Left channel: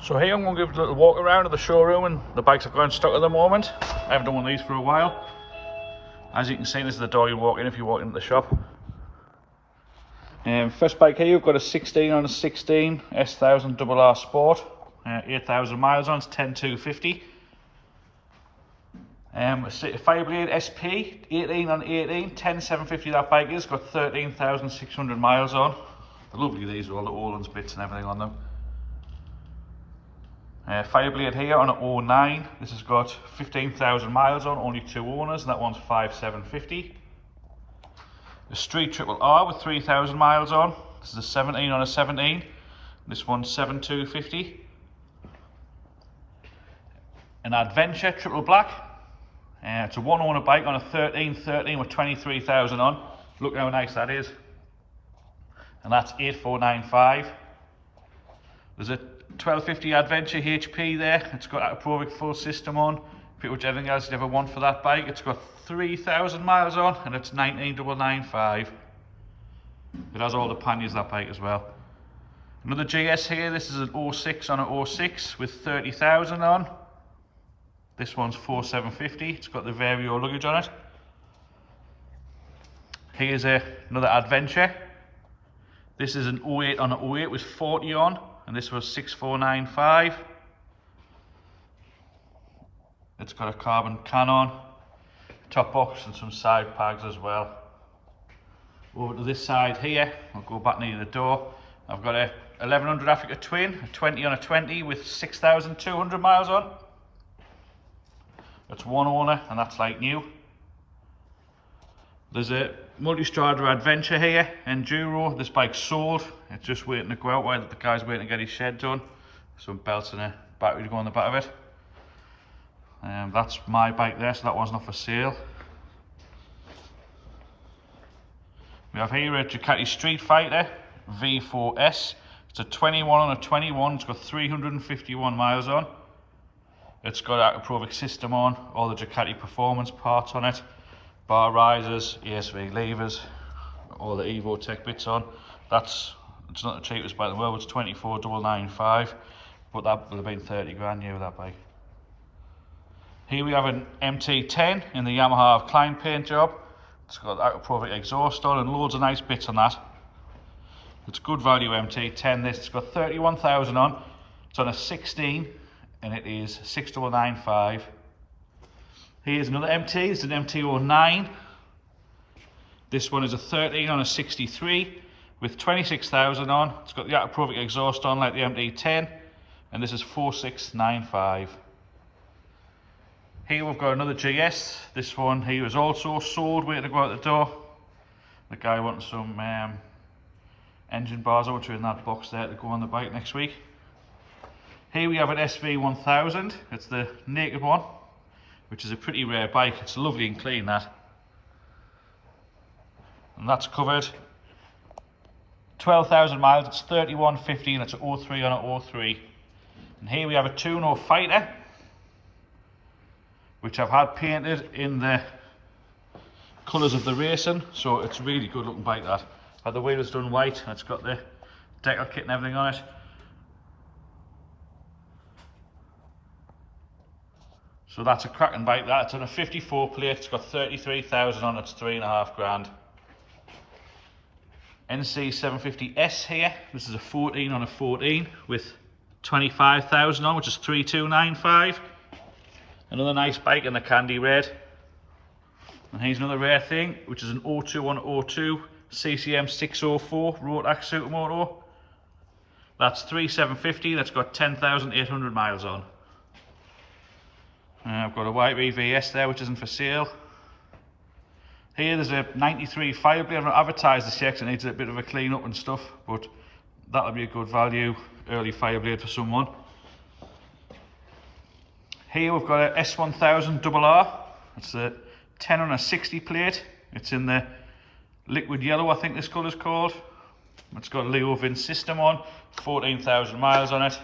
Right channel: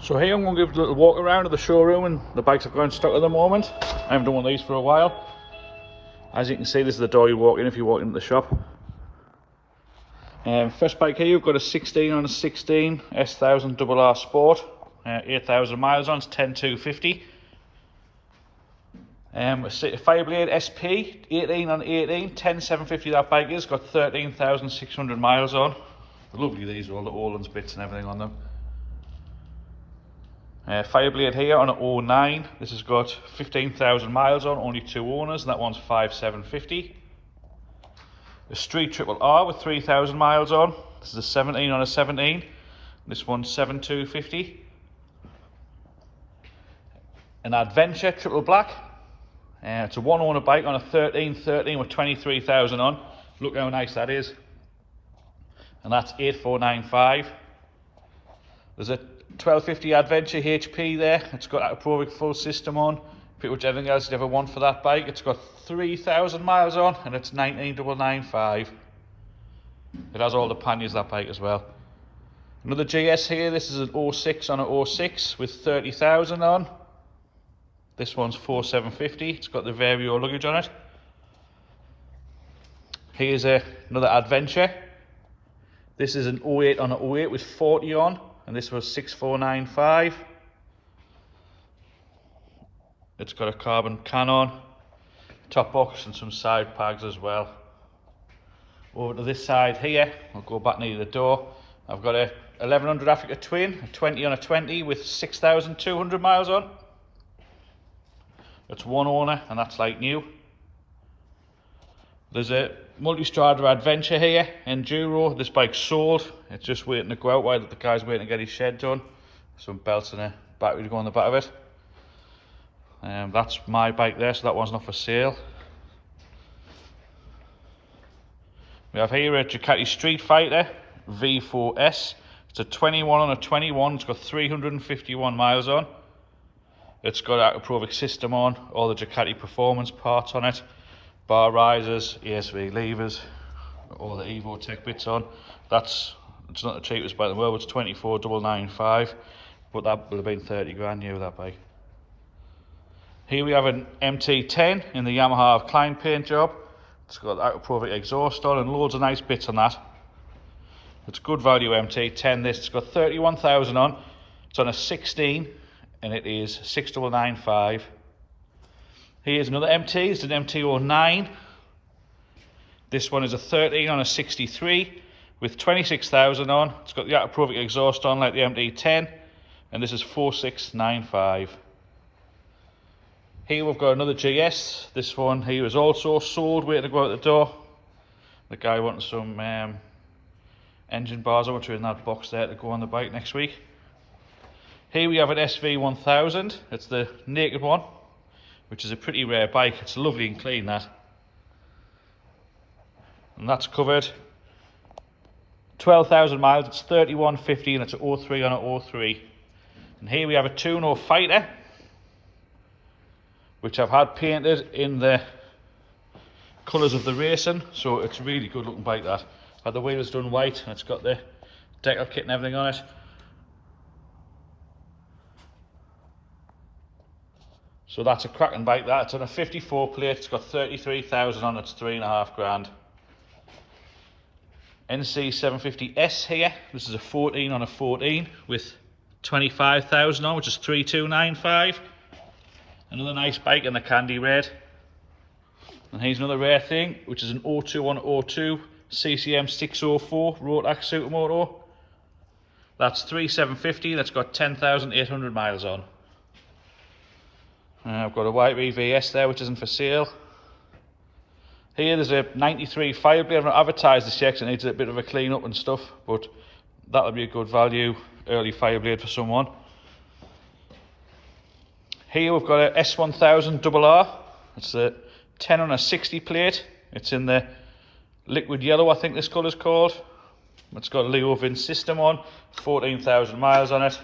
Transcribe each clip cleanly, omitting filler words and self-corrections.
So here I'm going to give a little walk around of the showroom, and the bikes have got in stock at the moment. I haven't done these for a while. As you can see, this is the door you walk in if you walk into the shop. First bike here, you've got a 16 on a 16 S1000 Double R Sport, 8,000 miles on, it's 10,250. A Fireblade SP 18 on 18, 10,750 that bike is, got 13,600 miles on. They're lovely, these are all the Olan's bits and everything on them. Fireblade here on an 09, this has got 15,000 miles on, only 2 owners, and that one's 5,750. A Street Triple R with 3,000 miles on, this is a 17 on a 17, this one's 7,250. An Adventure Triple Black, it's a 1 owner bike on a 13 with 23,000 on, look how nice that is, and that's 8,495. There's a 1250 Adventure HP there, it's got a Provic full system on, pretty much everything else you'd ever want for that bike. It's got 3,000 miles on and it's 19,995. It has all the panniers, that bike, as well. Another GS here, this is an 06 on an 06 with 30,000 on. This one's 4,750, it's got the Vario luggage on it. Here's another Adventure. This is an 08 on an 08 with 40 on, and this was 6,495. It's got a carbon can on, top box and some side pads as well. Over to this side here, we'll go back near the door. I've got a 1100 Africa Twin, a 20 on a 20 with 6,200 miles on. It's 1 owner and that's like new. There's a Multistrada Adventure here, Enduro. This bike's sold, it's just waiting to go out while the guy's waiting to get his shed done. Some belts and a battery to go on the back of it. That's my bike there, so that one's not for sale. We have here a Ducati Street Fighter V4S. It's a 21 on a 21, it's got 351 miles on. It's got a Provic system on, all the Ducati performance parts on it. Bar risers, ESV levers, all the Evo Tech bits on. It's not the cheapest bike in the world, it's 24,995, but that would have been 30 grand new, that bike. Here we have an MT10 in the Yamaha Klein paint job. It's got that Provic exhaust on and loads of nice bits on that. It's good value MT10 this, it's got 31,000 on, it's on a 16 and it is 6,995. Here's another MT, it's an MT09. This one is a 13 on a 63 with 26,000 on. It's got the Provic exhaust on like the MT10 and this is 4,695. Here we've got another GS. This one here is also sold, waiting to go out the door. The guy wanted some engine bars, which are in that box there, to go on the bike next week. Here we have an SV1000. It's the naked one, which is a pretty rare bike. It's lovely and clean, that. And that's covered 12,000 miles. It's 3150 and it's an 03 on an 03. And here we have a Tuna Fighter, which I've had painted in the colours of the racing, so it's really good looking bike, that. But the wheels done white and it's got the decal kit and everything on it. So that's a cracking bike, that. It's on a 54 plate, it's got 33,000 on, it's 3.5 grand. NC750S here, this is a 14 on a 14 with 25,000 on, which is 3,295. Another nice bike in the candy red. And here's another rare thing, which is an 02 on 02 CCM 604 Rotax Supermoto. That's 3,750, that's got 10,800 miles on. And I've got a YBVS there, which isn't for sale. Here there's a 93 Fireblade. I've not advertised this yet, it needs a bit of a clean up and stuff, but that'll be a good value early Fireblade for someone. Here we've got a S1000 Double R. It's a 10 on a 60 plate. It's in the liquid yellow, I think this colour's called. It's got a Leo Vin system on, 14,000 miles on it.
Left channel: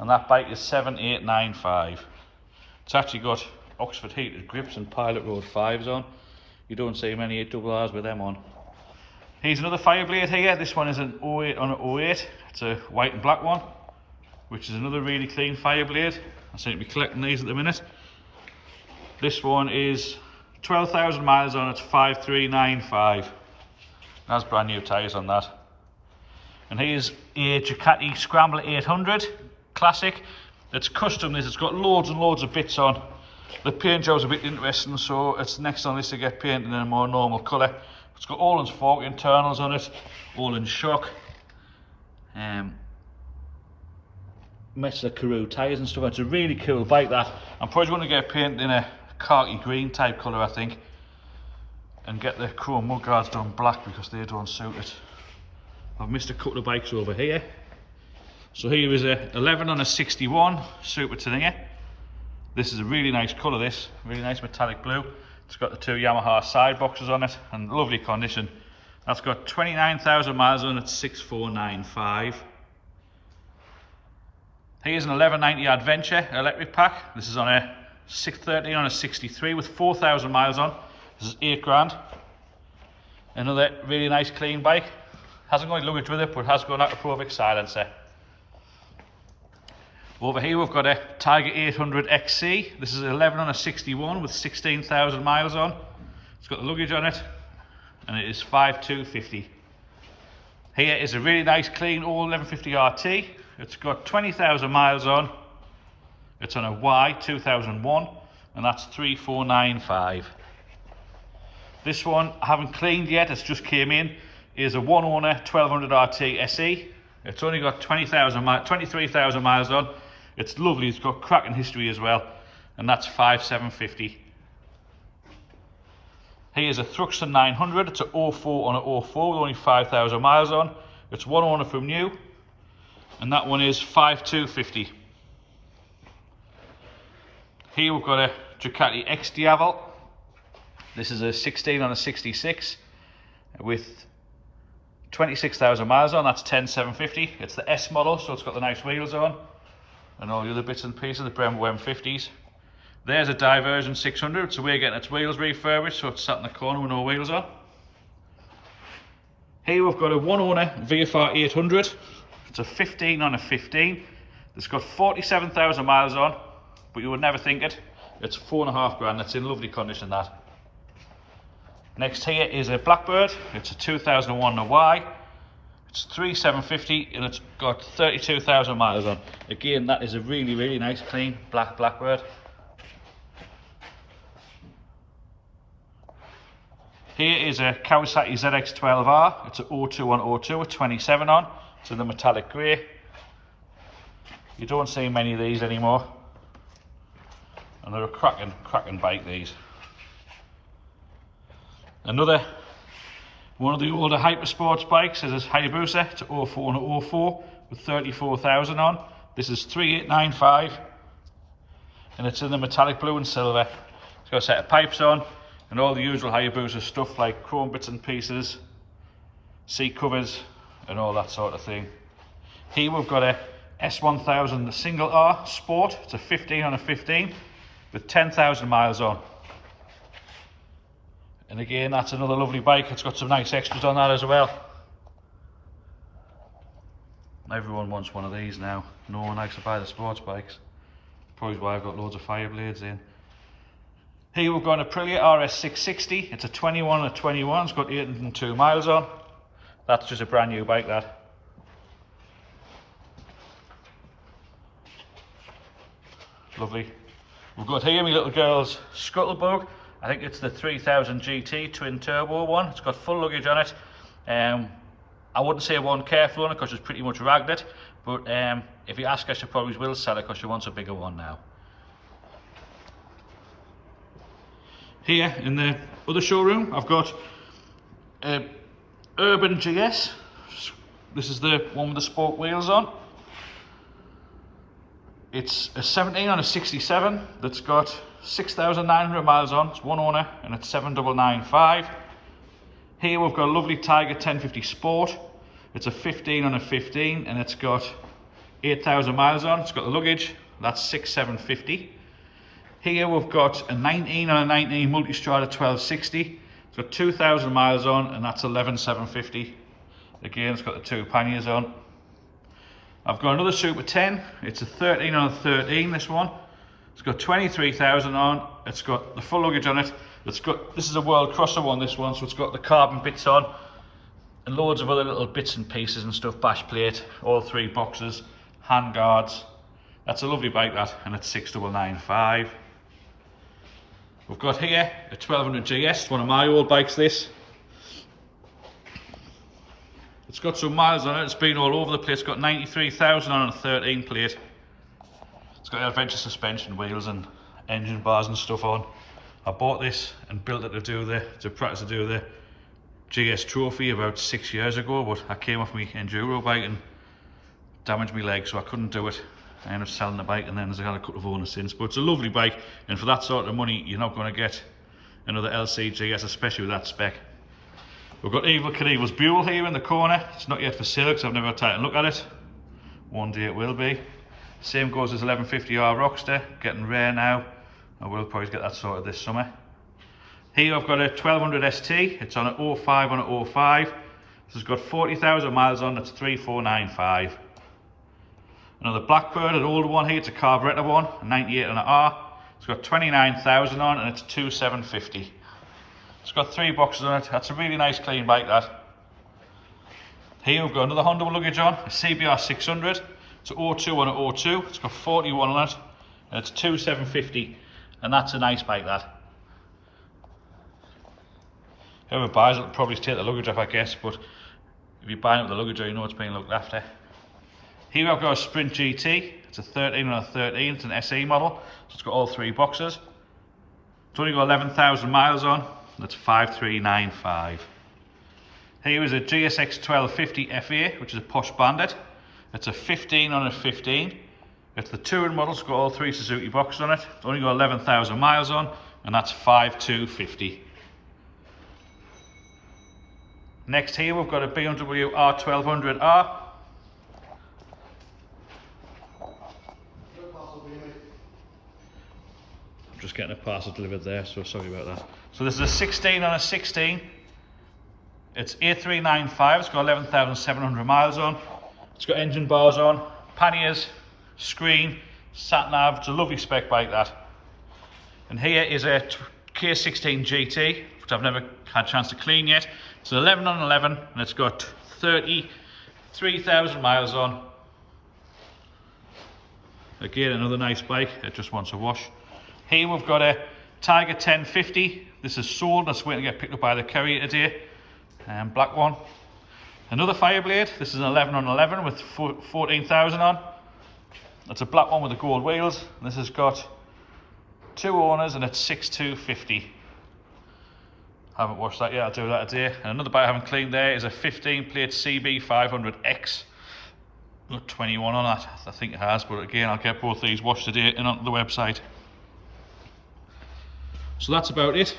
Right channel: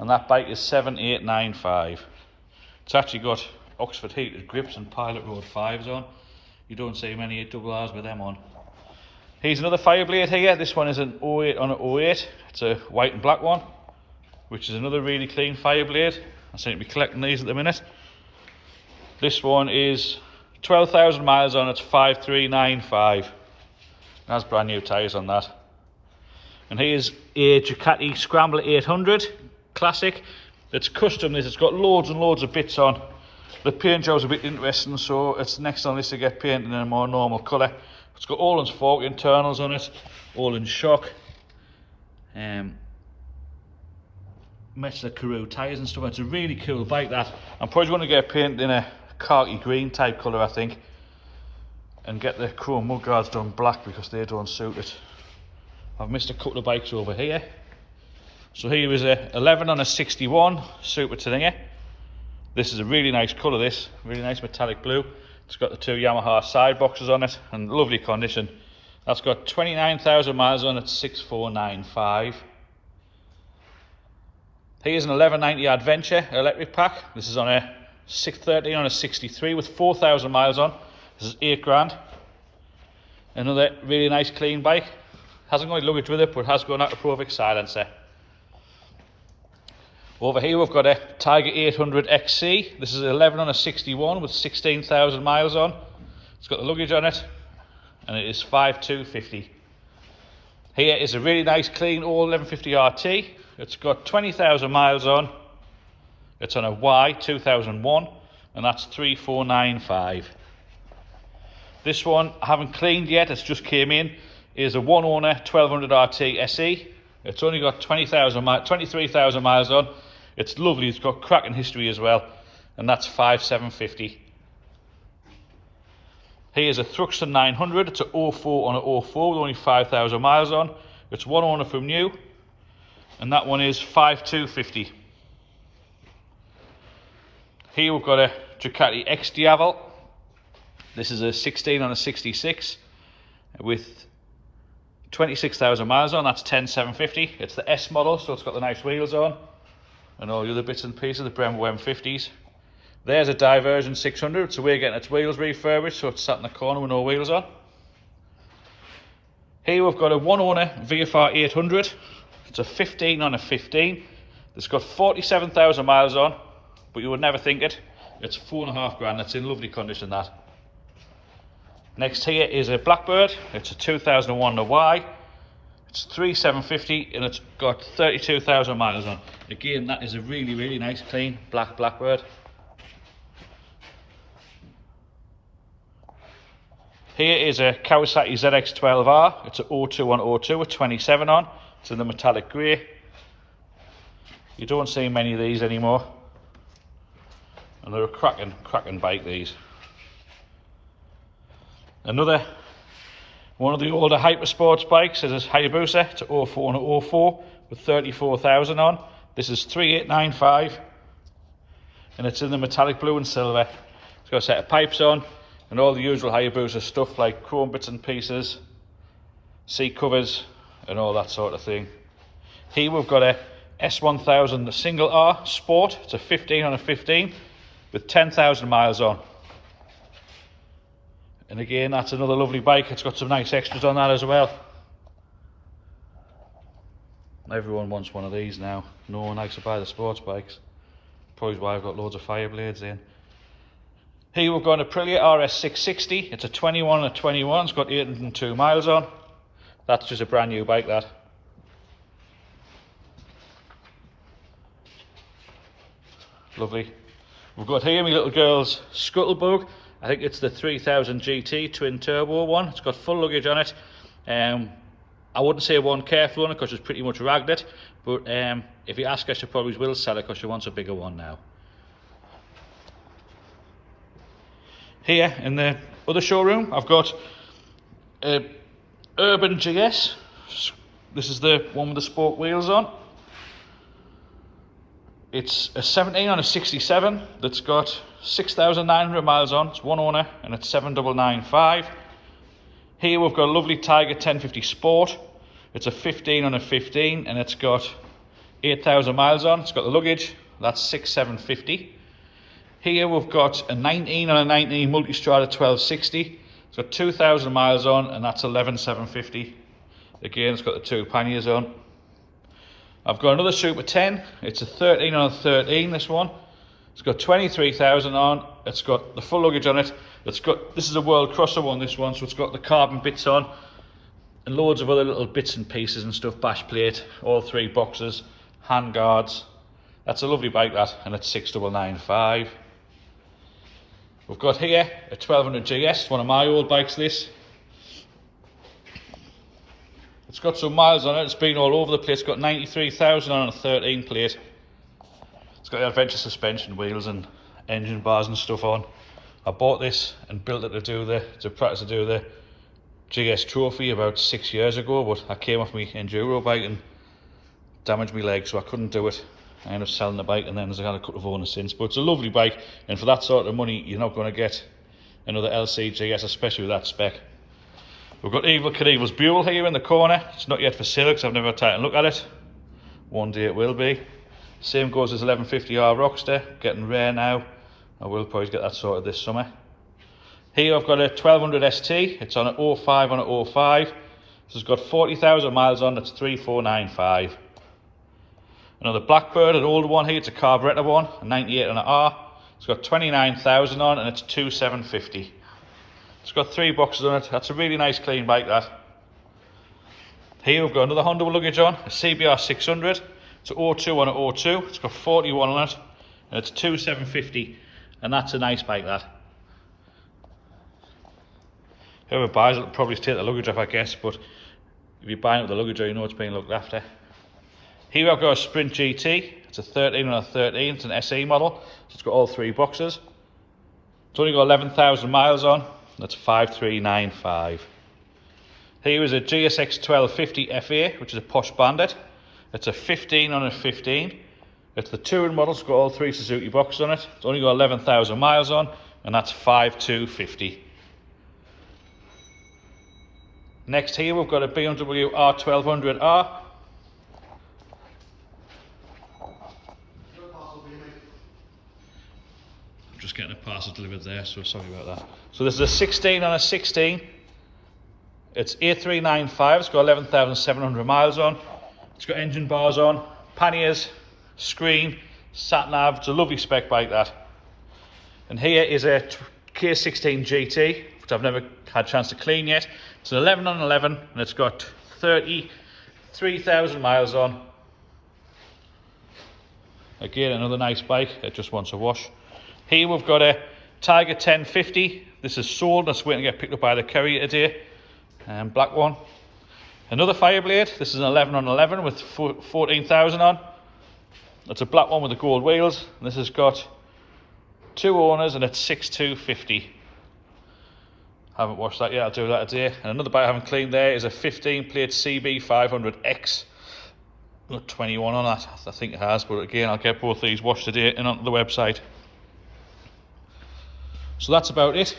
And that bike is 7,895. It's actually got Oxford heated grips and Pilot Road 5s on. You don't see many double R's with them on. Here's another Fireblade here. This one is an 08 on an 08. It's a white and black one. which is another really clean Fireblade. I seem to be collecting these at the minute. This one is 12,000 miles on, it's 5395. That's brand new tyres on that. And here's a Ducati Scrambler 800 Classic. It's custom, it's got loads and loads of bits on. The paint job's a bit interesting, so it's next on this to get painted in a more normal colour. It's got all its fork internals on it, all in shock. Metsler Karoo tyres and stuff. It's a really cool bike that. I'm probably going to get painted in a khaki green type colour, I think. And get the chrome mudguards done black because they don't suit it. I've missed a couple of bikes over here. So here was a 11 on a 61 Super Toninger. This is a really nice colour, this really nice metallic blue. It's got the two Yamaha side boxes on it in lovely condition. That's got 29,000 miles on it, 6495. Here's an 1190 Adventure electric pack. This is on a 613 on a 63 with 4,000 miles on. This is 8 grand. Another really nice clean bike. Hasn't got any luggage with it, but has got an Acapulco silencer. Over here we've got a Tiger 800 XC. This is 11 on a 61 with 16,000 miles on. It's got the luggage on it, and it is 5250. Here is a really nice clean old 1150 RT. It's got 20,000 miles on. It's on a Y 2001, and that's 3495. This one I haven't cleaned yet, it's just came in. Is a one owner 1200 RT SE. It's only got 23,000 miles on. It's lovely, it's got cracking history as well, and that's 5750. Here's a Thruxton 900. It's a 04 on a 04 with only 5,000 miles on. It's one owner from new, and that one is 5250. Here we've got a Ducati X Diavel. This is a 16 on a 66 with 26,000 miles on. That's 10,750. It's the S model, so it's got the nice wheels on and all the other bits and pieces, the Bmw M50s. There's a Diversion 600. It's a way of getting its wheels refurbished, so it's sat in the corner with no wheels on. Here we've got a one owner VFR 800. It's a 15 on a 15. It's got 47,000 miles on, but you would never think it. It's 4.5 grand. It's in lovely condition, that. Next here is a Blackbird. It's a 2001 Y. It's 3,750 and it's got 32,000 miles on. Again, that is a really, really nice clean black Blackbird. Here is a Kawasaki ZX12R. It's a 02 on 02 with 27 on. It's in the metallic grey. You don't see many of these anymore. And they're a cracking bike, these. Another one of the older Hypersports bikes is a Hayabusa. It's a 04 and 04 with 34,000 on. This is 3895 and it's in the metallic blue and silver. It's got a set of pipes on and all the usual Hayabusa stuff like chrome bits and pieces, seat covers and all that sort of thing. Here we've got a S1000 Single R Sport. It's a 15 on a 15 with 10,000 miles on. And again, that's another lovely bike. It's got some nice extras on that as well. Everyone wants one of these now. No one likes to buy the sports bikes. Probably why I've got loads of Fireblades in. Here we've got an Aprilia RS660. It's a 21 and a 21. It's got 802 miles on. That's just a brand new bike, that. Lovely. We've got here my little girl's Scuttlebug. I think it's the 3000 GT twin turbo one. It's got full luggage on it. I wouldn't say one careful on it because it's pretty much ragged it, but if you ask her, she probably will sell it because she wants a bigger one now. Here in the other showroom, I've got a Urban GS. This is the one with the sport wheels on. It's a 17 on a 67 that's got 6,900 miles on. It's one owner and it's 7,995. Here we've got a lovely Tiger 1050 Sport. It's a 15 on a 15 and it's got 8,000 miles on. It's got the luggage. That's 6,750. Here we've got a 19 on a 19 Multistrada 1260. It's got 2,000 miles on and that's 11,750. Again, it's got the two panniers on. I've got another Super 10. It's a 13 on a 13, this one. It's got 23,000 on. It's got the full luggage on it. This is a World Crosser one, this one, so it's got the carbon bits on and loads of other little bits and pieces and stuff, bash plate, all 3 boxes, hand guards. That's a lovely bike, that, and it's 6995. We've got here a 1200 GS, one of my old bikes, this. It's got some miles on it, it's been all over the place. It's got 93,000 on a 13 plate. It's got adventure suspension wheels and engine bars and stuff on. I bought this and built it to practice to do the GS Trophy about 6 years ago, but I came off my enduro bike and damaged my leg, so I couldn't do it. I ended up selling the bike, and then I've had a couple of owners since. But it's a lovely bike, and for that sort of money, you're not going to get another LC GS, especially with that spec. We've got Evel Knievel's Buell here in the corner. It's not yet for sale because I've never had time to look at it. One day it will be. Same goes as 1150R Rockster, getting rare now. I will probably get that sorted this summer. Here I've got a 1200 ST. It's on an 05 on an 05. This has got 40,000 miles on. It's 3495. Another Blackbird, an old one here. It's a carburettor one, 98 on an R. It's got 29,000 on and it's 2750. It's got 3 boxes on it. That's a really nice clean bike, that. Here we've got another Honda luggage on, a CBR 600. It's an 02 on an 02. It's got 41 on it and it's 2750, and that's a nice bike, that. Whoever buys it will probably take the luggage off, I guess, but if you're buying it with the luggage, you know it's being looked after. Here I've got a Sprint GT. It's a 13 on a 13. It's an SE model. So it's got all 3 boxes. It's only got 11,000 miles on. That's 5395. Here is a GSX 1250 FA, which is a Posh Bandit. It's a 15 on a 15. It's the touring model. It's got all 3 Suzuki boxes on it. It's only got 11,000 miles on, and that's 5250. Next here we've got a Bmw R1200r. I'm just getting a parcel delivered there, so sorry about that. So this is a 16 on a 16. It's 8395. It's got 11,700 miles on. It's got engine bars on, panniers, screen, sat nav. It's a lovely spec bike, that. And here is a Kia16 Gt, which I've never had a chance to clean yet. It's an 11 on 11 and it's got 33,000 miles on. Again, another nice bike. It just wants a wash. Here we've got a Tiger 1050. This is sold and it's waiting to get picked up by the courier today. And black one. Another Fireblade. This is an 11 on 11 with 14,000 on. It's a black one with the gold wheels. And this has got 2 owners and it's 6250. Haven't washed that yet. I'll do that today. And another bike I haven't cleaned there is a 15 plate CB 500X. Not 21 on that. I think it has, but again, I'll get both these washed today and onto the website. So that's about it.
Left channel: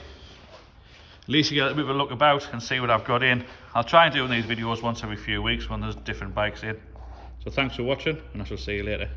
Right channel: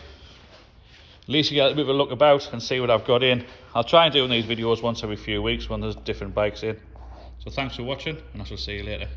At least you get a bit of a look about and see what I've got in. I'll try and do these videos once every few weeks when there's different bikes in. So thanks for watching, and I shall see you later.